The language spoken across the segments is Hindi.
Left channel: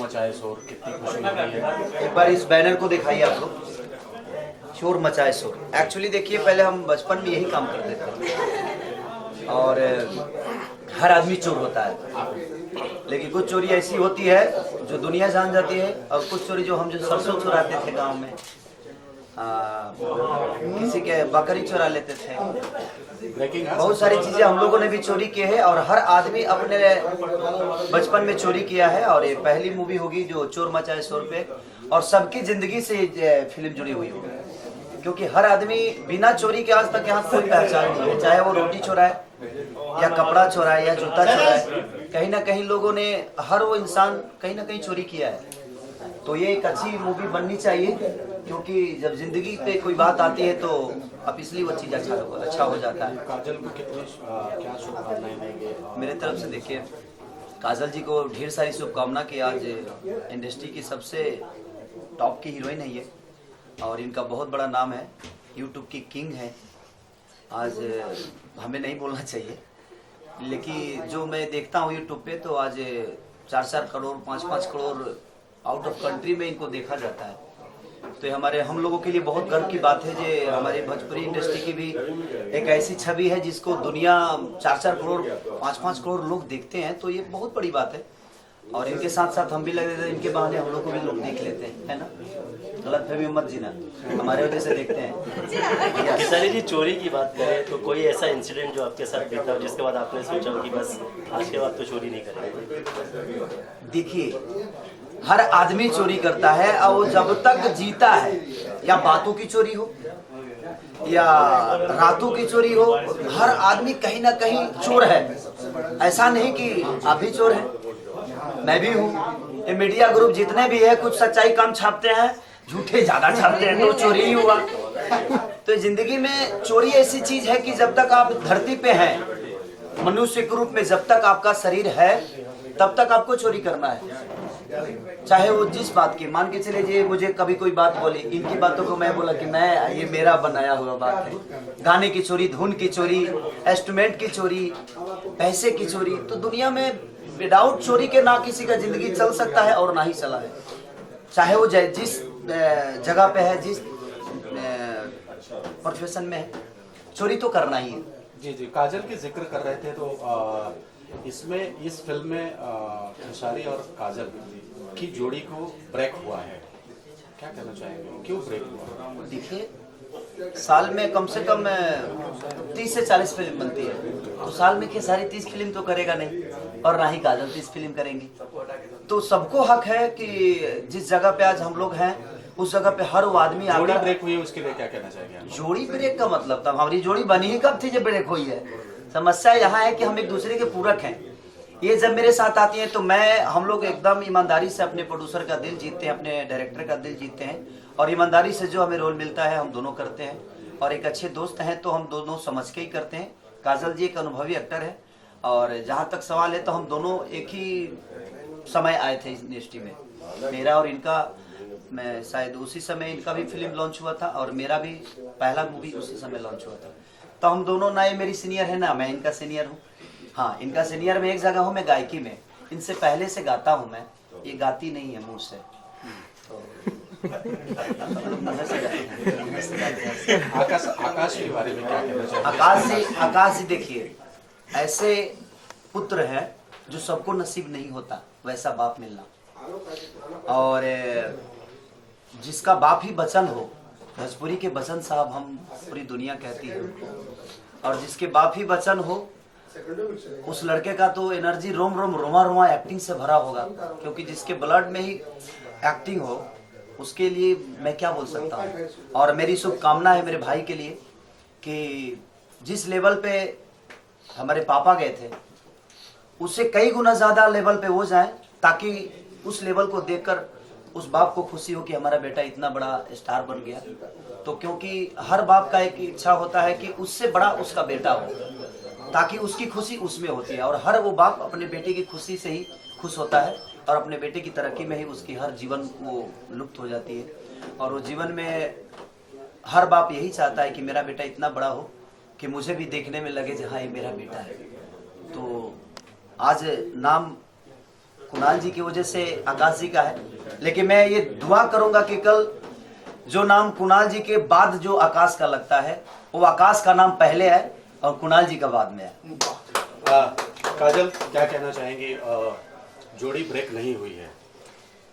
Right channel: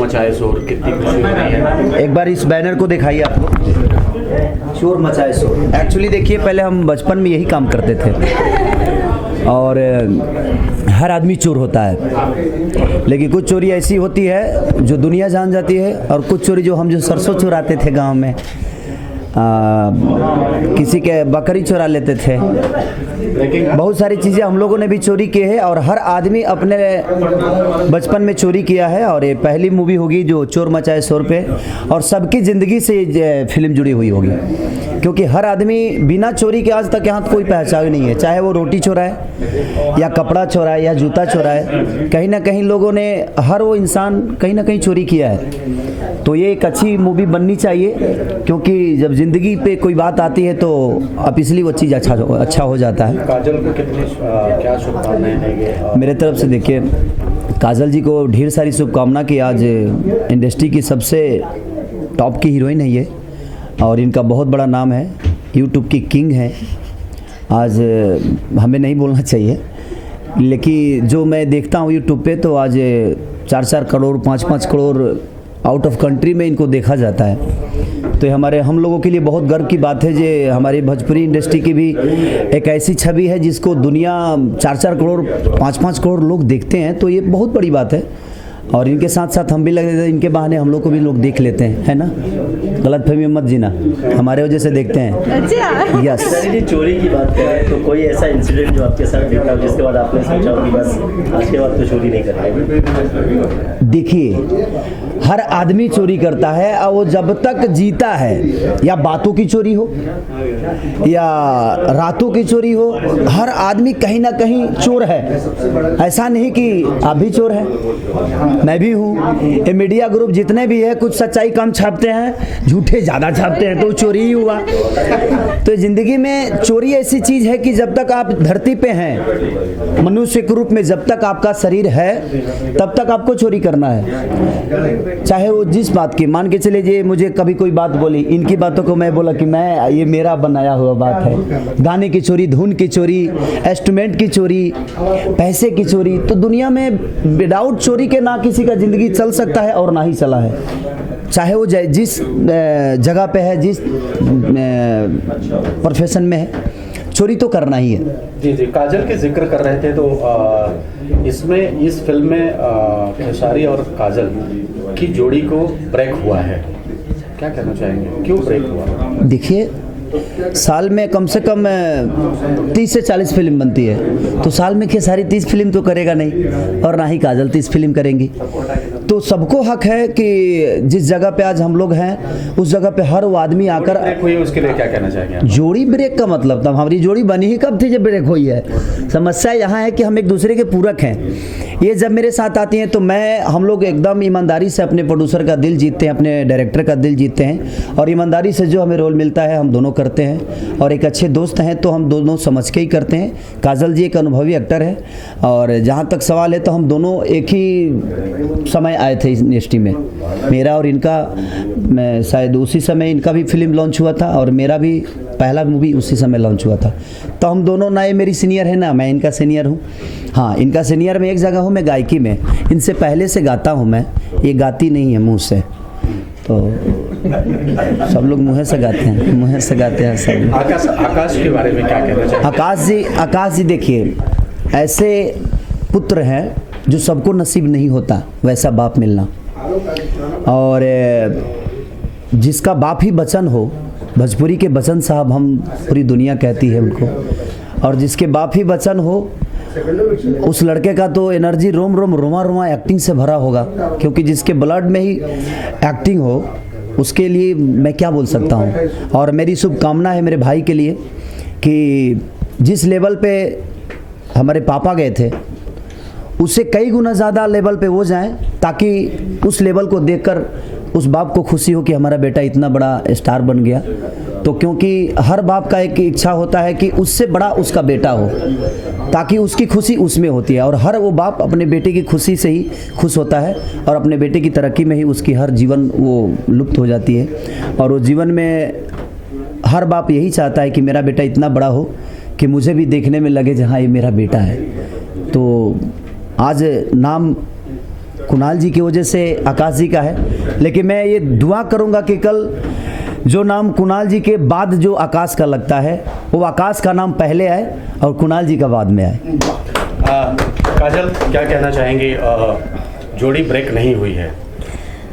चोर मचाए शोर, कितनी खुशी हो रही है। एक बार इस बैनर को दिखाइए आप लोग, चोर मचाए शोर। एक्चुअली देखिए, पहले हम बचपन में यही काम करते थे और हर आदमी चोर होता है, लेकिन कुछ चोरी ऐसी होती है जो दुनिया जान जाती है, और कुछ चोरी जो हम जो सरसों चुराते थे गांव में, किसी के बकरी चुरा लेते थे, बहुत सारी चीज़ें हम लोगों ने भी चोरी की है और हर आदमी अपने बचपन में चोरी किया है। और ये पहली मूवी होगी जो चोर मचाए शोर पे, और सबकी ज़िंदगी से फिल्म जुड़ी हुई होगी, क्योंकि हर आदमी बिना चोरी के आज तक यहाँ कोई पहचान नहीं है, चाहे वो रोटी चोराए या कपड़ा चोराए या जूता चोराए, कहीं ना कहीं लोगों ने, हर वो इंसान कहीं ना कहीं चोरी किया है। तो ये एक अच्छी मूवी बननी चाहिए, क्योंकि जब ज़िंदगी पे कोई बात आती है तो अब इसलिए वो चीज़ अच्छा हो जाता है। काजल को कितनी क्या शुभकामनाएं देंगे मेरे तरफ से? देखिए, काजल जी को ढेर सारी शुभकामना कि आज इंडस्ट्री की सबसे टॉप की हीरोइन है ये, और इनका बहुत बड़ा नाम है, यूट्यूब की किंग है। आज हमें नहीं बोलना चाहिए, लेकिन जो मैं देखता हूँ यूट्यूब पे, तो आज 4-4 crore 5-5 crore out of country में इनको देखा जाता है। तो हम लोगों के लिए बहुत गर्व की बात है जो हमारी भोजपुरी इंडस्ट्री की भी एक ऐसी छवि है जिसको दुनिया 4-4 करोड़ 5-5 करोड़ लोग देखते हैं, तो ये बहुत बड़ी बात है। और इनके साथ साथ हम भी लगे थे, इनके बहाने हम लोग को भी लोग देख लेते हैं, है ना। गलत फहमी मत जीना, हमारे वजह से देखते हैं। अच्छा। यस। जी, चोरी की बात करें तो कोई ऐसा इंसिडेंट जो आपके साथ देखा हो जिसके बाद आपने सोचा हो कि बस आज के बाद तो चोरी नहीं करना? देखिए, हर आदमी चोरी करता है, और वो जब तक जीता है, या बातों की चोरी हो या रातों की चोरी हो, हर आदमी कहीं ना कहीं चोर है। ऐसा नहीं कि आप भी चोर हैं, मैं भी हूँ। ये मीडिया ग्रुप जितने भी है, कुछ सच्चाई कम छापते हैं, झूठे ज़्यादा छापते हैं, तो चोरी ही हुआ। तो ज़िंदगी में चोरी ऐसी चीज़ है कि जब तक आप धरती पे हैं, मनुष्य के रूप में जब तक आपका शरीर है, तब तक आपको चोरी करना है। चाहे वो जिस बात की, मान के चले जे मुझे कभी कोई बात बोली, इनकी बातों को मैं बोला कि मैं, ये मेरा बनाया हुआ बात है। गाने की चोरी, धुन की चोरी, इंस्ट्रूमेंट की चोरी, पैसे की चोरी। तो दुनिया में विदाउट चोरी के ना किसी का ज़िंदगी चल सकता है और ना ही चला है, चाहे वो जिस जगह पे है, जिस प्रोफेशन में है, चोरी तो करना ही है। जी जी, काजल के जिक्र कर रहे थे, तो इसमें, इस फिल्म में खेसारी और काजल की जोड़ी को ब्रेक हुआ है, क्या कहना चाहेंगे, क्यों ब्रेक हुआ? देखिए, साल में कम से कम 30 से 40 फिल्म बनती है, तो साल में खेसारी 30 फिल्म तो करेगा नहीं, और ना ही काजल 30 फिल्म करेंगी। तो सबको हक है कि जिस जगह पे आज हम लोग हैं, उस जगह पे हर वो आदमी आकर ब्रेक हुई, उसके लिए क्या कहना चाहेंगे? जोड़ी ब्रेक का मतलब था, हमारी जोड़ी बनी ही कब थी जब ब्रेक हुई है। समस्या यहाँ है कि हम एक दूसरे के पूरक हैं। ये जब मेरे साथ आती हैं तो हम लोग एकदम ईमानदारी से अपने प्रोड्यूसर का दिल जीतते हैं, अपने डायरेक्टर का दिल जीतते हैं, और ईमानदारी से जो हमें रोल मिलता है हम दोनों करते हैं। और एक अच्छे दोस्त हैं तो हम दोनों समझ के ही करते हैं। काजल जी एक अनुभवी एक्टर है, और जहाँ तक सवाल है तो हम दोनों एक ही समय आए थे इस इंडस्ट्री में, मेरा और इनका। मैं शायद उसी समय इनका भी फिल्म लॉन्च हुआ था, और मेरा भी पहला मूवी उसी समय लॉन्च हुआ था। तो हम दोनों, ना ये मेरी सीनियर है ना मैं इनका सीनियर हूँ। हाँ, इनका सीनियर में एक जगह हूँ, मैं गायकी में इनसे पहले से गाता हूँ मैं, ये गाती नहीं है मुँह से, तो सब लोग मुँह से गाते हैं, मुँह से गाते हैं सब। आकाश के बारे में क्या कहना चाहिए? आकाश जी देखिए, ऐसे पुत्र हैं जो सबको नसीब नहीं होता वैसा बाप मिलना, और जिसका बाप ही बच्चन हो, भोजपुरी के बच्चन साहब हम पूरी दुनिया कहती है उनको, और जिसके बाप ही बच्चन हो, उस लड़के का तो एनर्जी रोम रोम रोमा रोमा एक्टिंग से भरा होगा, क्योंकि जिसके ब्लड में ही एक्टिंग हो, उसके लिए मैं क्या बोल सकता हूँ। और मेरी शुभकामना है मेरे भाई के लिए कि जिस लेवल पे हमारे पापा गए थे, उससे कई गुना ज़्यादा लेवल पे वो जाएं, ताकि उस लेवल को देखकर उस बाप को खुशी हो कि हमारा बेटा इतना बड़ा स्टार बन गया। तो क्योंकि हर बाप का एक इच्छा होता है कि उससे बड़ा उसका बेटा हो, ताकि उसकी खुशी उसमें होती है, और हर वो बाप अपने बेटे की खुशी से ही खुश होता है, और अपने बेटे की तरक्की में ही उसकी हर जीवन वो लुप्त हो जाती है। और वो जीवन में हर बाप यही चाहता है कि मेरा बेटा इतना बड़ा हो कि मुझे भी देखने में लगे जहाँ ये मेरा बेटा है। तो आज नाम कुणाल जी की वजह से आकाश जी का है, लेकिन मैं ये दुआ करूंगा कि कल जो नाम कुणाल जी के बाद जो आकाश का लगता है वो आकाश का नाम पहले आए और कुणाल जी का बाद में आए। काजल, क्या कहना चाहेंगी? जोड़ी ब्रेक नहीं हुई है,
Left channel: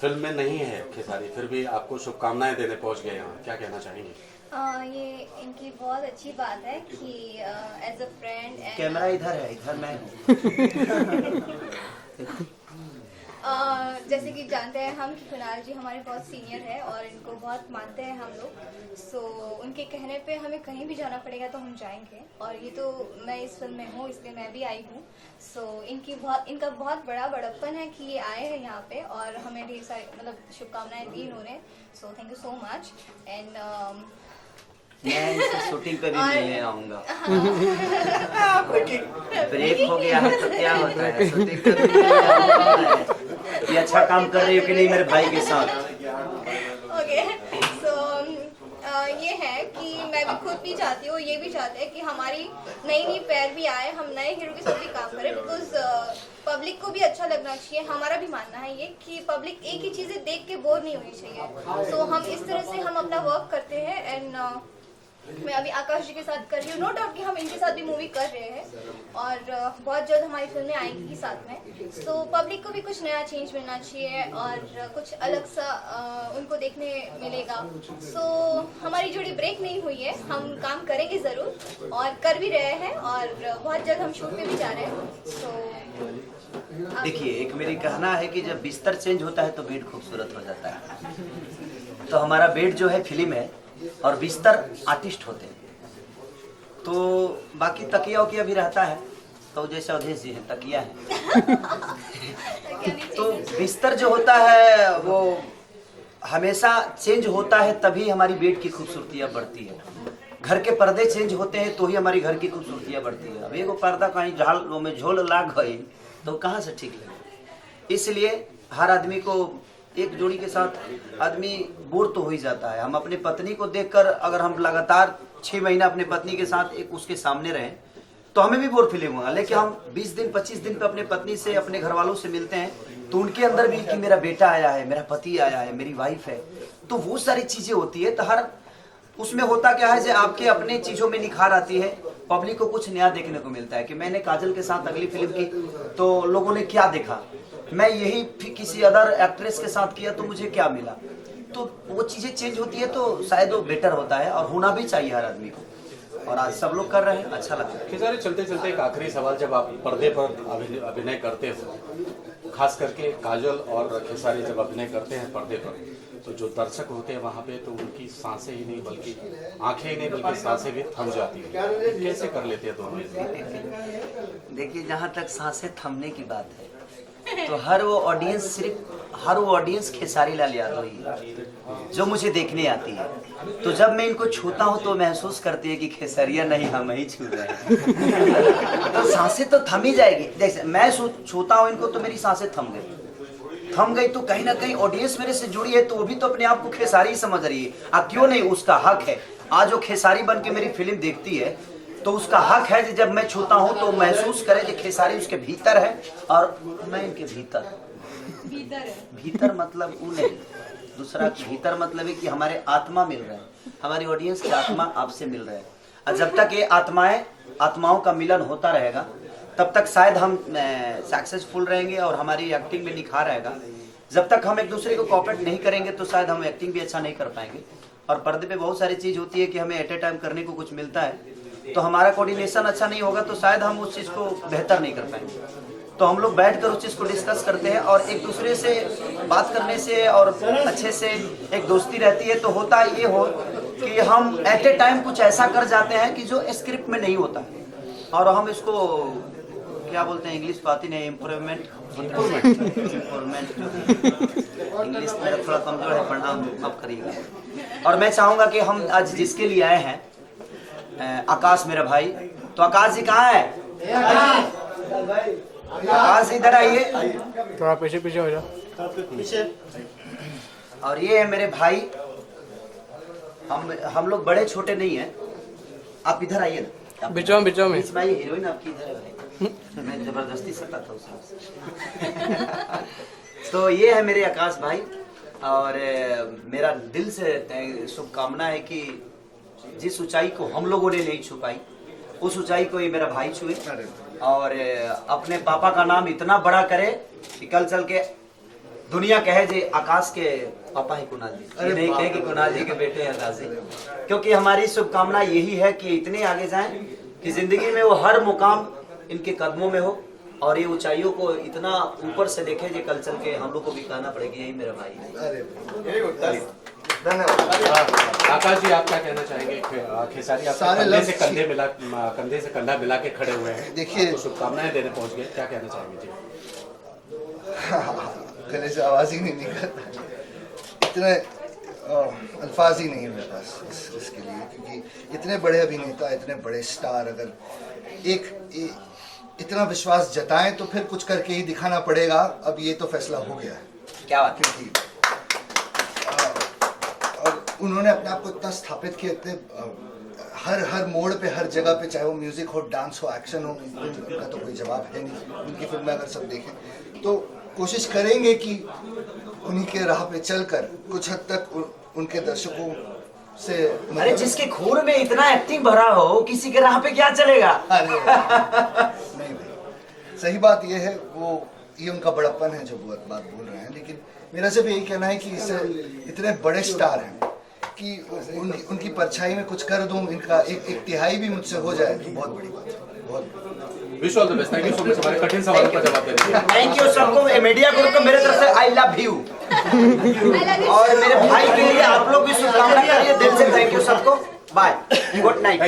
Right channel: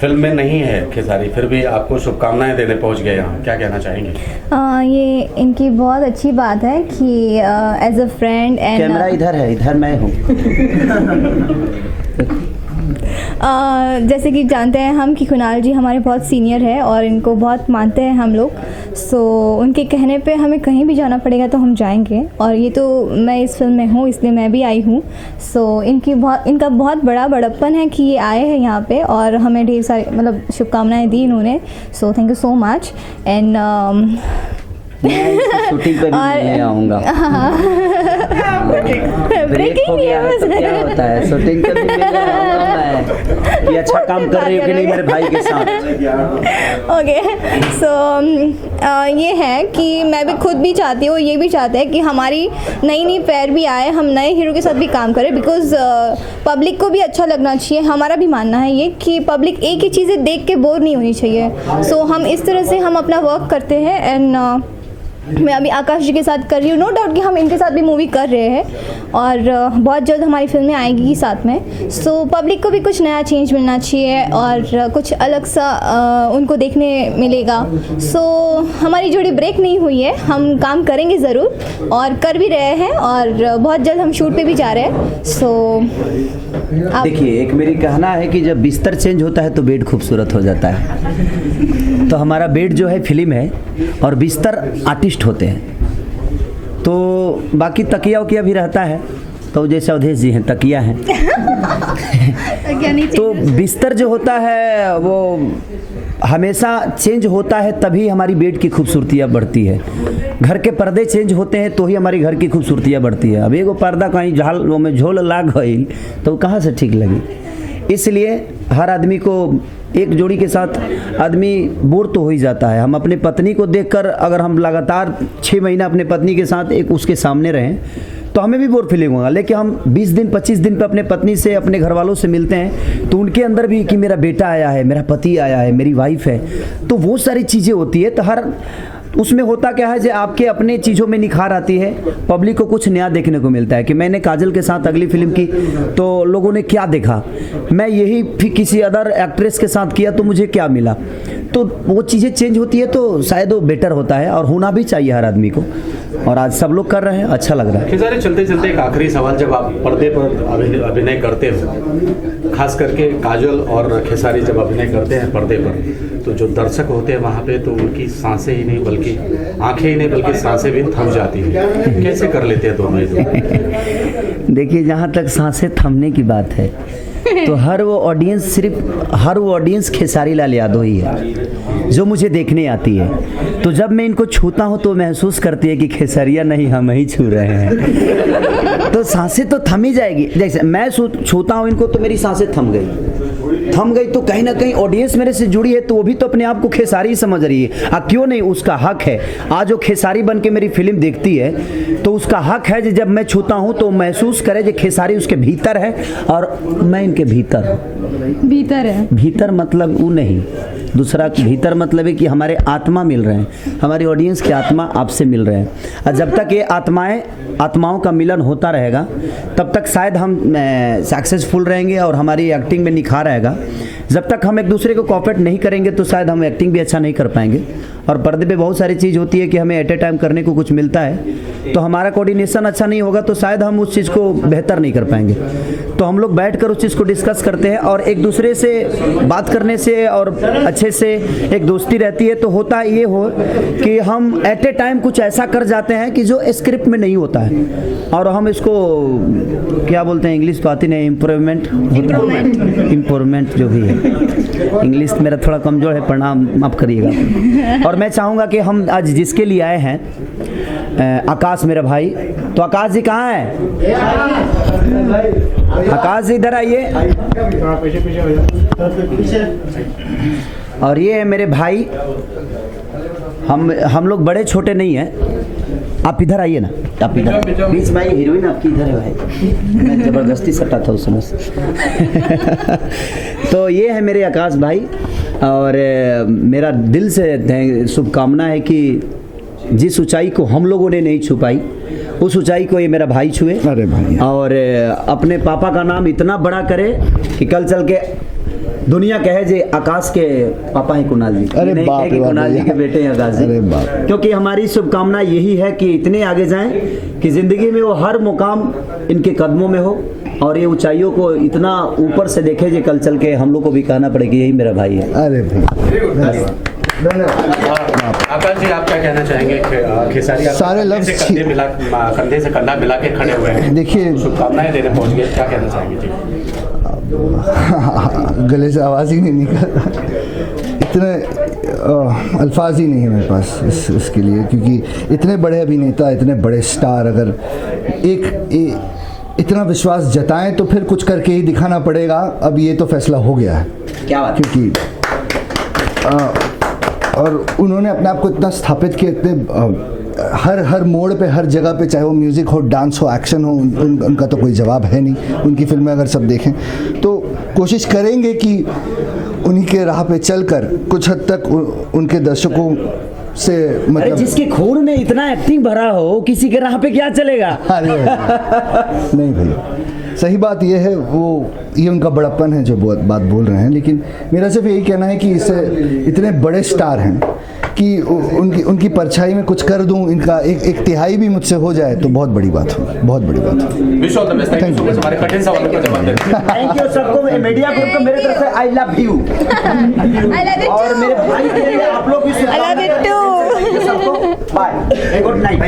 फिल्म में नहीं है खेसारी, फिर भी आपको शुभकामनाएं देने पहुंच गए यहाँ, क्या कहना चाहेंगे? ये इनकी बहुत अच्छी बात है कि as a friend and camera इधर है, इधर मैं हूँ। जैसे कि जानते हैं हम कि कुणाल जी हमारे बहुत सीनियर है और इनको बहुत मानते हैं हम लोग। सो उनके कहने पे हमें कहीं भी जाना पड़ेगा तो हम जाएंगे, और ये तो मैं इस फिल्म में हूँ इसलिए मैं भी आई हूँ। सो इनका बहुत बड़ा बड़प्पन है कि ये आए हैं यहाँ पे और हमें ढेर सारी मतलब शुभकामनाएं दी इन्होंने। So thank you so much. And shooting पे भी मिलने आऊँगा। ब्रेक हो गया है तो क्या होता है, शूटिंग पे भी मिलने आऊँगा मैं। ये अच्छा काम कर रही हो कि नहीं मेरे भाई के साथ? ओके, सो ये है कि मैं भी खुद भी चाहती हूँ, ये भी चाहते हैं कि हमारी नई पैर भी आए, हम नए हीरो के साथ भी काम करें, बिकॉज पब्लिक को भी अच्छा लगना चाहिए। हमारा भी मानना है ये कि पब्लिक एक ही चीज़ें देख के बोर नहीं होनी चाहिए। सो हम इस तरह से हम अपना वर्क करते हैं। एंड मैं अभी आकाश जी के साथ कर रही हूँ, नो डाउट कि हम इनके साथ भी मूवी कर रहे हैं और बहुत जल्द हमारी फिल्में आएगी साथ में। सो पब्लिक को भी कुछ नया चेंज मिलना चाहिए और कुछ अलग सा उनको देखने मिलेगा। सो हमारी जोड़ी ब्रेक नहीं हुई है, हम काम करेंगे ज़रूर और कर भी रहे हैं और बहुत जल्द हम शूट पे भी जा रहे हैं। सो देखिए, एक मेरी कहना है कि जब बिस्तर चेंज होता है तो बेड खूबसूरत हो जाता है। तो हमारा बेड जो है फिल्म है और बिस्तर आर्टिस्ट होते हैं। तो बाकी तकिया वकिया भी रहता है, तो जैसे अवधेश जी हैं तकिया हैं। तो बिस्तर जो होता है वो हमेशा चेंज होता है, तभी हमारी बेड की खूबसूरतियाँ बढ़ती है। घर के पर्दे चेंज होते हैं तो ही हमारी घर की खूबसूरतियाँ बढ़ती है। अब एगो पर्दा कहीं झाल में झोल लाग गई तो कहाँ से ठीक लगी। इसलिए हर आदमी को एक जोड़ी के साथ आदमी बोर तो हो ही जाता है। हम अपने पत्नी को देखकर अगर हम लगातार 6 महीना अपने पत्नी के साथ एक उसके सामने रहें तो हमें भी बोर फीलिंग होगा। लेकिन हम 20 दिन 25 दिन पे अपने पत्नी से अपने घर वालों से मिलते हैं तो उनके अंदर भी कि मेरा बेटा आया है, मेरा पति आया है, मेरी वाइफ है, तो वो सारी चीज़ें होती है। तो हर उसमें होता क्या है जो आपके अपने चीज़ों में निखार आती है, पब्लिक को कुछ नया देखने को मिलता है। कि मैंने काजल के साथ अगली फिल्म की तो लोगों ने क्या देखा, मैं यही फिर किसी अदर एक्ट्रेस के साथ किया तो मुझे क्या मिला। तो वो चीज़ें चेंज होती है तो शायद वो बेटर होता है और होना भी चाहिए हर आदमी को। और आज सब लोग कर रहे हैं, अच्छा लग रहा है। खेसारी, चलते चलते एक आखिरी सवाल, जब आप पर्दे पर अभिनय करते हो, खास करके काजल और खेसारी जब अभिनय करते हैं पर्दे पर, तो जो दर्शक होते हैं वहाँ पे तो उनकी सांसें ही नहीं बल्कि आंखें ही नहीं बल्कि सांसें भी थम जाती हैं। कैसे कर लेते हैं दोनों ये? देखिए, जहाँ तक सांसें थमने की बात है तो हर वो ऑडियंस खेसारी लाल यादव ही है जो मुझे देखने आती है। तो जब मैं इनको छूता हूँ तो महसूस करती है कि खेसारिया नहीं हम ही छू रहे हैं। तो सांसें तो थम ही जाएगी। जैसे मैं छूता हूँ इनको तो मेरी सांसें थम गई तो कहीं ना कहीं ऑडियंस मेरे से जुड़ी है तो वो भी तो अपने आप को खेसारी ही समझ रही है। क्यों नहीं, उसका हक है। आज वो खेसारी बन के मेरी फिल्म देखती है तो उसका हक है कि जब मैं छूता हूँ तो महसूस करे कि खेसारी उसके भीतर है और मैं इनके भीतर हूँ। भीतर है, भीतर मतलब वो नहीं, दूसरा भीतर मतलब है कि हमारे आत्मा मिल रहे हैं, हमारी ऑडियंस की आत्मा आपसे मिल रहे हैं। और जब तक ये आत्माओं का मिलन होता रहेगा तब तक शायद हम सक्सेसफुल रहेंगे और हमारी एक्टिंग में निखार आएगा। जब तक हम एक दूसरे को कोऑपरेट नहीं करेंगे तो शायद हम एक्टिंग भी अच्छा नहीं कर पाएंगे। और पर्दे पे बहुत सारी चीज़ होती है कि हमें एट ए टाइम करने को कुछ मिलता है तो हमारा कोऑर्डिनेशन अच्छा नहीं होगा तो शायद हम उस चीज़ को बेहतर नहीं कर पाएंगे। तो हम लोग बैठकर उस चीज़ को डिस्कस करते हैं और एक दूसरे से बात करने से और अच्छे से एक दोस्ती रहती है। तो होता ये हो कि हम एट ए टाइम कुछ ऐसा कर जाते हैं कि जो स्क्रिप्ट में नहीं होता है और हम इसको क्या बोलते हैं, इंग्लिश तो आती नहीं, इम्प्रूवमेंट जो भी है, इंग्लिश मेरा थोड़ा कमज़ोर है, प्रणाम माफ़ करिएगा। और मैं चाहूँगा कि हम आज जिसके लिए आए हैं आकाश मेरा भाई, तो आकाश जी कहाँ है? आकाश जी इधर आइए। और ये है मेरे भाई, हम लोग बड़े छोटे नहीं हैं, आप इधर आइए ना। आप इधर। प्लीज भाई, हीरोइन आपकी इधर है भाई, मैं जबरदस्ती सटा था उस समय से। तो ये है मेरे आकाश भाई, और मेरा दिल से शुभकामना है कि जिस ऊंचाई को हम लोगों ने नहीं छू पाई, उस ऊंचाई को ये मेरा भाई छुए। अरे भाई, और अपने पापा का नाम इतना बड़ा करे कि कल चल के दुनिया कहे जे आकाश के पापा हैं कुणाल जी, अरे नहीं बाप कहे कि रे कुणाल जी बाप। के बेटे हैं आकाश अरे जी। बाप। क्योंकि हमारी शुभकामना यही है कि इतने आगे जाएं कि जिंदगी में वो हर मुकाम इनके कदमों में हो, और ये ऊंचाइयों को इतना ऊपर से देखे जो कल चल के हम लोग को भी कहना पड़े कि यही मेरा भाई है। अरे भाई, आकाश जी, आप क्या कहना चाहेंगे? खेसारी आप सारे कंधे लफ्ज़ से कंधे से कंधा मिला के खड़े हुए हैं, देखिए, शुभकामनाएं देने पहुंच गए, क्या कहना चाहेंगे जी? गले से आवाज़ ही नहीं निकल, इतने अल्फाज ही नहीं है मेरे पास इसके लिए, क्योंकि इतने बड़े अभिनेता, इतने बड़े स्टार अगर इतना विश्वास जताएं तो फिर कुछ करके ही दिखाना पड़ेगा। अब ये तो फैसला हो गया है, क्या बात? क्योंकि और उन्होंने अपने आप को इतना स्थापित किया, इतने हर मोड़ पे, हर जगह पे, चाहे वो म्यूज़िक हो, डांस हो, एक्शन हो, उनका तो कोई जवाब है नहीं। उनकी फिल्में अगर सब देखें तो कोशिश करेंगे कि उन्हीं के राह पे चलकर कुछ हद तक उनके दर्शकों से अरे मतलब जिसके खून में इतना एक्टिंग भरा हो, किसी के राह पे क्या चलेगा? अरे नहीं भैया, सही बात ये है, ये उनका बड़प्पन है जो बात बोल रहे हैं, लेकिन मेरा सिर्फ यही कहना है कि इससे इतने बड़े स्टार हैं कि उनकी परछाई में कुछ कर दूं, इनका एक तिहाई भी मुझसे हो जाए तो बहुत बड़ी बात हो, बहुत बड़ी बात हो। Wish all the best. Thank you so much हमारे कठिन सवालों का जवाब देने के लिए। थैंक यू सबको, मीडिया ग्रुप को मेरे तरफ से आई लव यू, और मेरे भाई के लिए आप लोग भी शुभकामनाएं। दिल से थैंक यू सबको, बाय, गुड नाइट।